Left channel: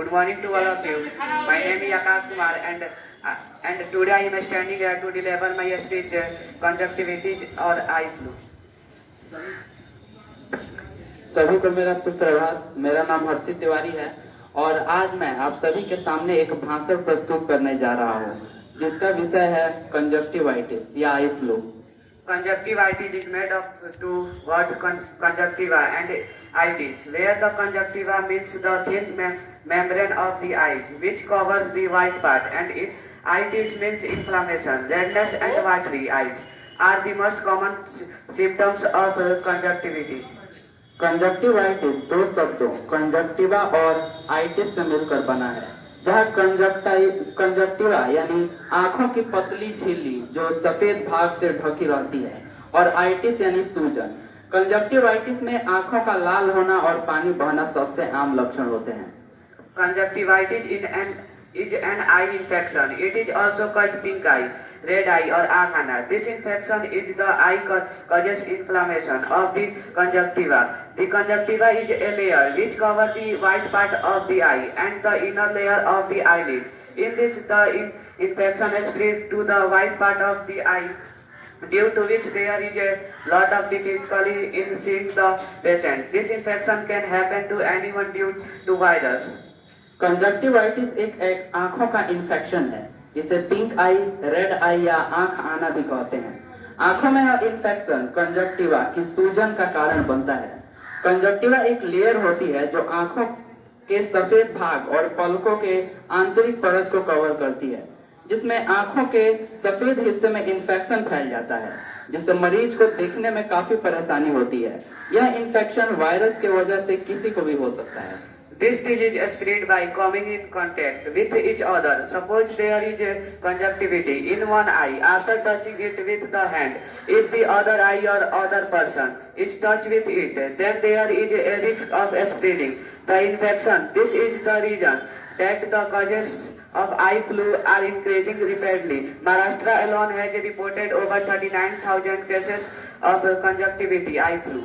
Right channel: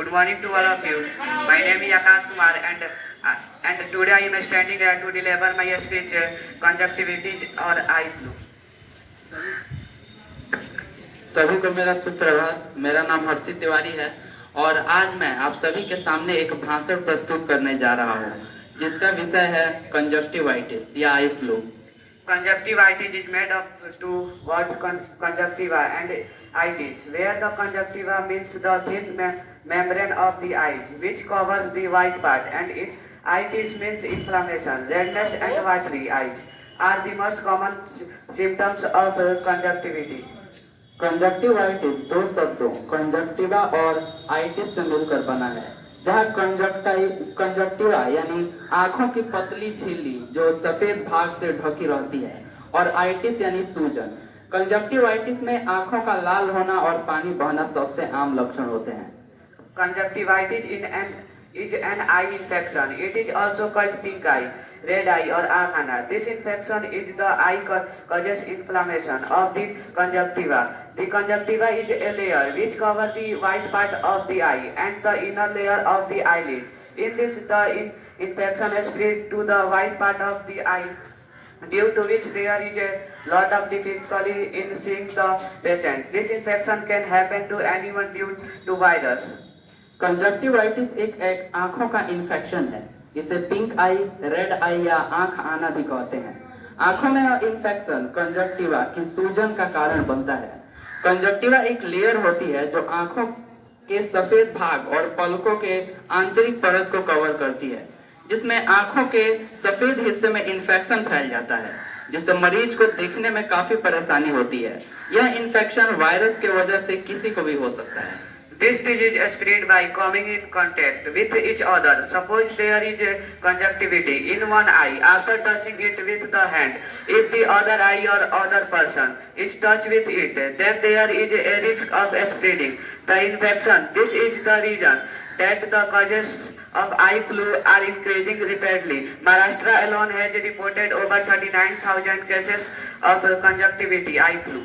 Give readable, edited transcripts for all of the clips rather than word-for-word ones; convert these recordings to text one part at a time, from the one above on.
Good morning to all of you. My name is Akash Kumar, and today I am standing here to deliver my speech, conjunctivitis or eye flu. सभी को मेरा सुप्रभात। मेरा नाम हर्षित तिवारी है और आज मैं आप सभी के सामने एक भाषण प्रस्तुत करने जा रहा हूँ जिसका विषय है कंजक्टिवाइटिस या eye flu. Conjunctivitis is made of two words, conjunctiva and itis, where the conjunctiva means the thin membrane of the eyes, which covers the white part, and itis means inflammation. Redness and watery eyes are the most common symptoms of conjunctivitis. Conjunctivitis दो शब्दों conjunctiva और itis से मिलकर बना है, जहाँ conjunctiva यानी आंखों की पतली झिल्ली जो सफेद भाग से ढकी रहती है और आइटिस यानी सूजन। कंजक्टिवाइटिस में आंखों का लाल होना और पानी बहना सबसे आम लक्षण होते हैं। Conjunctivitis is an eye infection. It is also called pink eye, red eye or akhana. This infection is the eye causes inflammation of the conjunctiva. The conjunctiva is a layer which covers the white part of the eye and the inner layer of the eyelid. In this, the infection spreads to the white part of the eye, due to which there is a lot of difficulty in seeing the patient. This infection can happen to anyone due to virus. Conjunctivitis एक आंखों का infection है। इसे pink आई, red आई या आंख आना भी कहते हैं। आंखों में यह इन्फेक्शन कंजक्टिवा की सूजन का कारण बनता है। कंजक्टिवा एक लेयर होती है जो आंखों के सफेद भाग और पलकों के आंतरिक परत को कवर करती है, जिसमें आंखों के सफेद हिस्से में इन्फेक्शन फैल जाता है, जिससे मरीज को देखने में काफी परेशानी होती है। यह इन्फेक्शन वायरस की वजह से किसी को भी हो सकता है। This disease is spread by coming in contact with each other. Suppose there is a conjunctivity in one eye after touching it with the hand. If the other eye or other person is touched with it, then there is a risk of spreading the infection. This is the reason that the causes of eye flu are increasing rapidly. Maharashtra alone has reported over 39,000 cases of conjunctivity eye flu.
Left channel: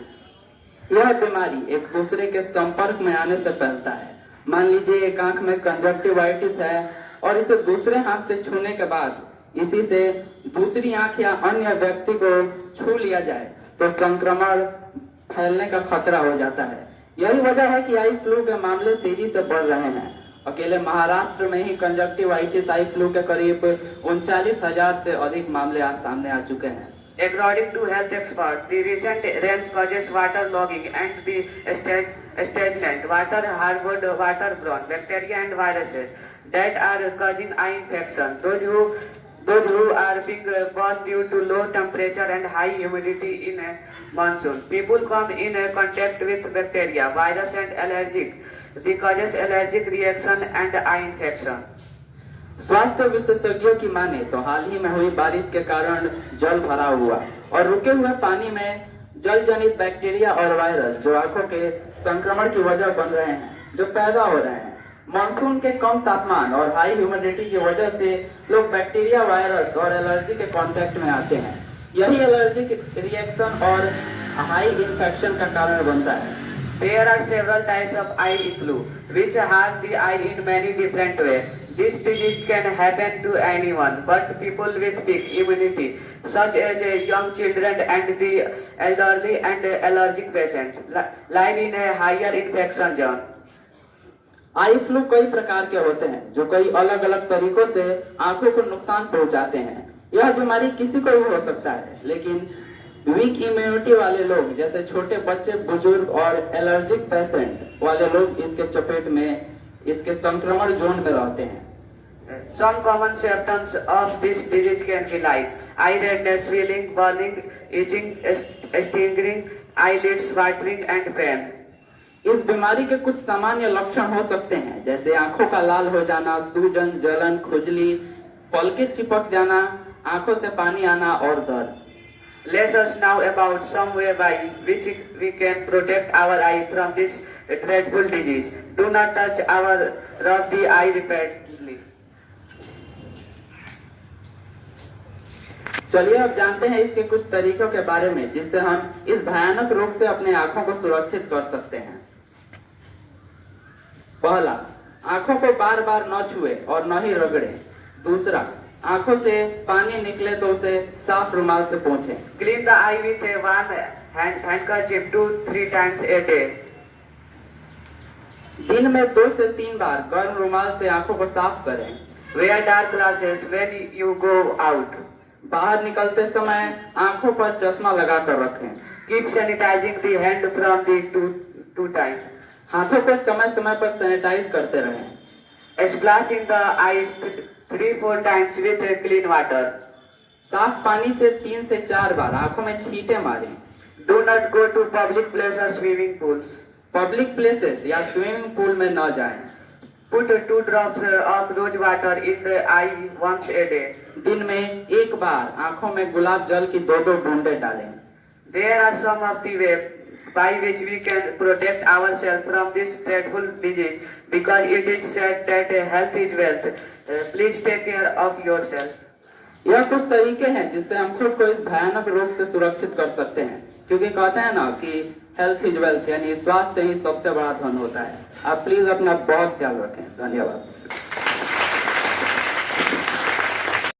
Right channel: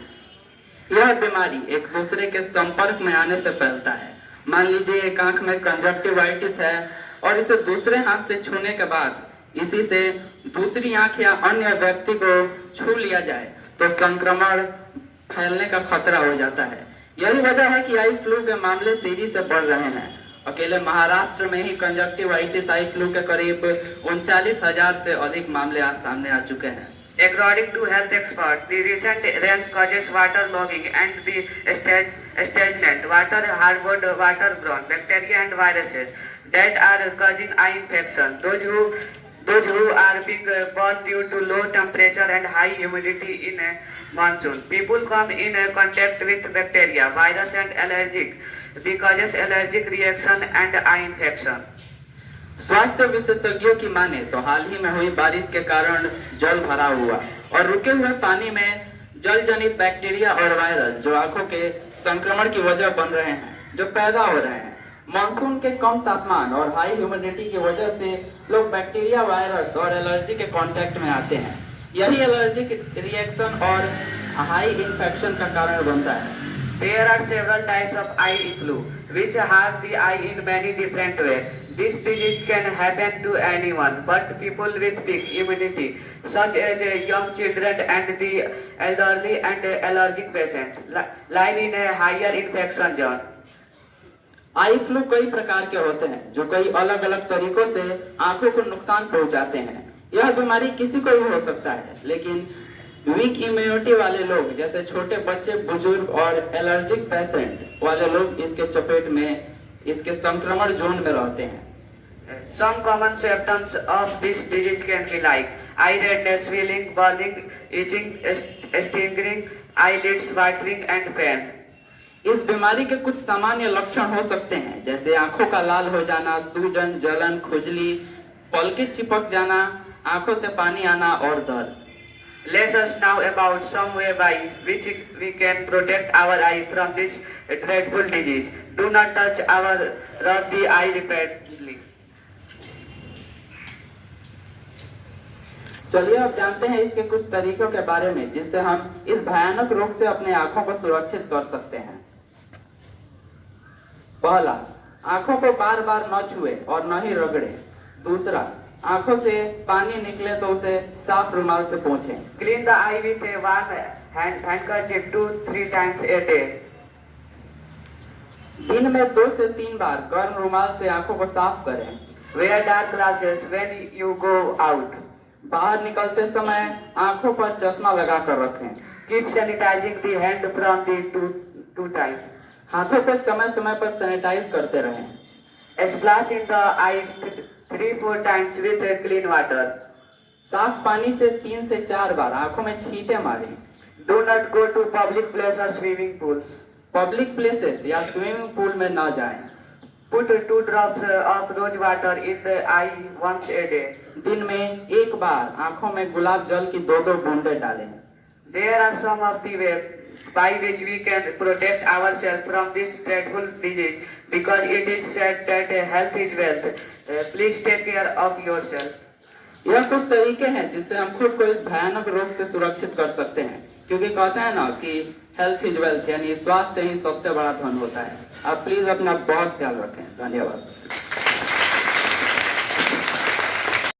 यह बीमारी एक दूसरे के संपर्क में आने से फैलता है। मान लीजिए एक आंख में कंजक्टिवाइटिस है और इसे दूसरे हाथ से छूने के बाद इसी से दूसरी आंख या अन्य व्यक्ति को छू लिया जाए तो संक्रमण फैलने का खतरा हो जाता है। यही वजह है कि आई फ्लू के मामले तेजी से बढ़ रहे हैं। अकेले महाराष्ट्र में ही कंजक्टिवाइटिस आई फ्लू के करीब 39,000 से अधिक मामले सामने आ चुके हैं। According to health experts, the recent rain causes waterlogging and the stagnant water harbored waterborne bacteria and viruses that are causing eye infection. Those who are being born due to low temperature and high humidity in a monsoon. People come in contact with bacteria, virus and allergic. They causes allergic reaction and eye infection. स्वास्थ्य विशेषज्ञों की माने तो हाल ही में हुई बारिश के कारण जल भरा हुआ और रुके हुए पानी में जल जनित बैक्टीरिया और वायरस जो आंखों के संक्रमण की वजह बन रहे हैं, जो पैदा हो रहे हैं। मानसून के कम तापमान और हाई ह्यूमिडिटी की वजह से लोग बैक्टीरिया, वायरस और एलर्जी के कांटेक्ट में आते हैं। यही एलर्जिक रिएक्शन और हाई इन्फेक्शन का कारण बनता है। There are several types of eye flu which harm the eye in many different ways. This disease can happen to anyone, but people with weak immunity, such as young children and the elderly and allergic patients, lie in a higher infection zone. Eye flu कई प्रकार के होते हैं जो कई अलग अलग तरीकों से आंखों को नुकसान पहुंचाते हैं। यह बीमारी किसी को भी हो सकता है, लेकिन वीक इम्यूनिटी वाले लोग जैसे छोटे बच्चे, बुजुर्ग और एलर्जिक पेशेंट वाले लोग इसके चपेट में, इसके संक्रमण जोन में रहते हैं। Some common symptoms of this disease can be like eye redness, swelling, burning, itching, stinging, eyelids, watering and pain. इस बीमारी के कुछ सामान्य लक्षण हो सकते हैं जैसे आंखों का लाल हो जाना, सूजन, जलन, खुजली, पलकें चिपक जाना, आंखों से पानी आना और दर्द। Let us now about some way by which we can protect our eye from this dreadful disease. Do not touch or rub the eye repeatedly. चलिए अब जानते हैं इसके कुछ तरीकों के बारे में जिससे हम इस भयानक रोग से अपनी आंखों को सुरक्षित कर सकते हैं। पहला, आंखों को बार बार न छुए और न ही रगड़े। दूसरा, आंखों से पानी निकले तो उसे साफ रुमाल से पोंछें। Clean the eye with a one handkerchief 2-3 times a day. दिन में 2 से 3 बार गर्म रुमाल से आंखों को साफ करें। Wear dark glasses when you go out. बाहर निकलते समय आंखों पर चश्मा लगा कर रखें। Keep sanitizing the hand from the to time. हाथों को समय समय पर सैनिटाइज करते रहें। Splashing the eyes 3-4 times with clean water. साफ पानी से 3 से 4 बार आंखों में छींटे मारें। Do not go to public places or swimming pools. Public places या स्विमिंग पूल में न जाएं। Put 2 drops of rose water in the eye once a day. दिन में 1 बार आंखों में गुलाब जल की 2-2 बूंदें डालें। There are some of the ways by which we can protect ourselves from this dreadful disease, because it is said that health is wealth. Please take care of yourself. यह कुछ तरीके हैं जिससे हम खुद को इस भयानक रोग से सुरक्षित कर सकते हैं, क्योंकि कहते हैं ना कि हेल्थ इज वेल्थ, यानी स्वास्थ्य ही सबसे बड़ा धन होता है। आप प्लीज अपना बहुत ख्याल रखें। धन्यवाद।